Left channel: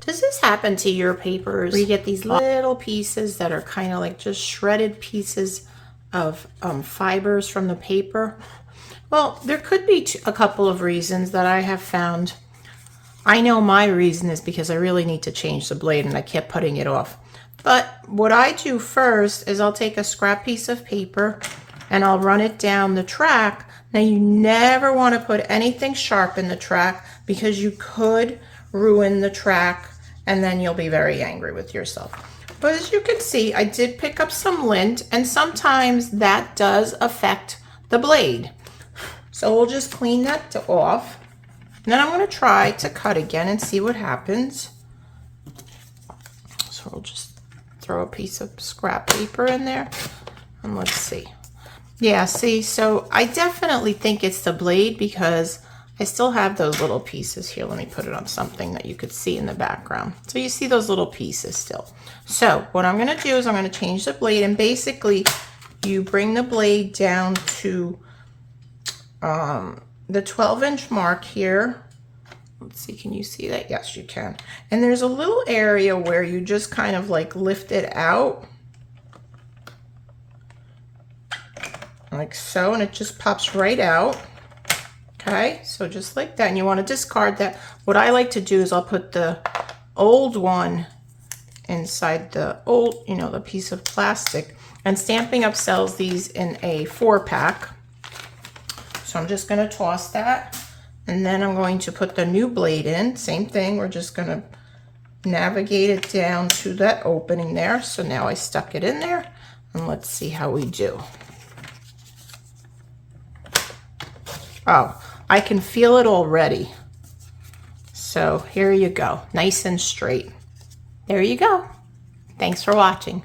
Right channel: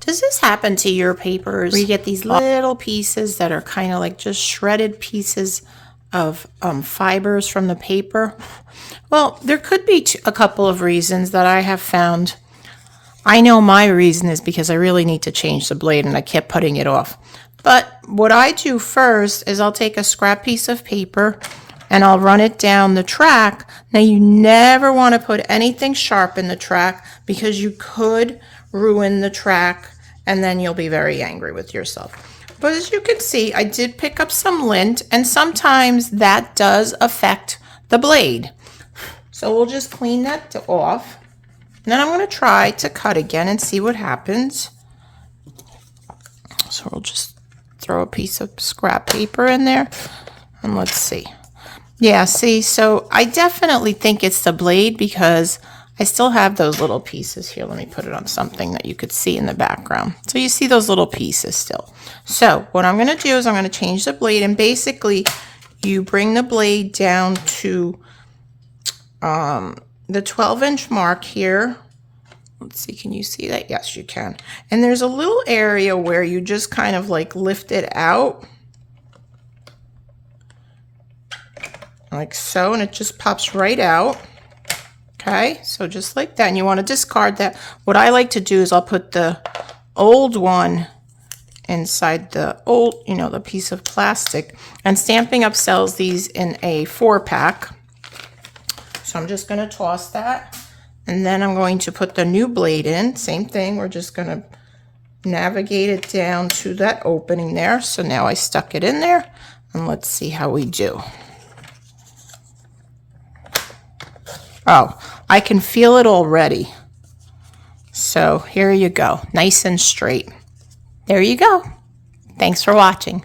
Does this happen to your papers where you get these little pieces that are kind of like just shredded pieces of fibers from the paper? Well, there could be a couple of reasons that I have found. I know my reason is because I really need to change the blade and I kept putting it off. But what I do first is I'll take a scrap piece of paper and I'll run it down the track. Now you never want to put anything sharp in the track because you could ruin the track and then you'll be very angry with yourself. But as you can see, I did pick up some lint and sometimes that does affect the blade. So we'll just clean that off. And then I'm going to try to cut again and see what happens. So we'll just throw a piece of scrap paper in there and let's see. Yeah, see, so I definitely think it's the blade because I still have those little pieces here. Let me put it on something that you could see in the background. So you see those little pieces still. So what I'm going to do is I'm going to change the blade, and basically you bring the blade down to the 12-inch mark here. Let's see, can you see that? Yes, you can. And there's a little area where you just kind of like lift it out. Like so, and it just pops right out. Okay, so just like that, and you want to discard that. What I like to do is I'll put the old one inside the old, the piece of plastic, and Stampin' Up sells these in a 4-pack. So I'm just going to toss that, and then I'm going to put the new blade in. Same thing, we're just going to navigate it down to that opening there. So now I stuck it in there, and let's see how we do. Oh, I can feel it already. So here you go, nice and straight. There you go. Thanks for watching.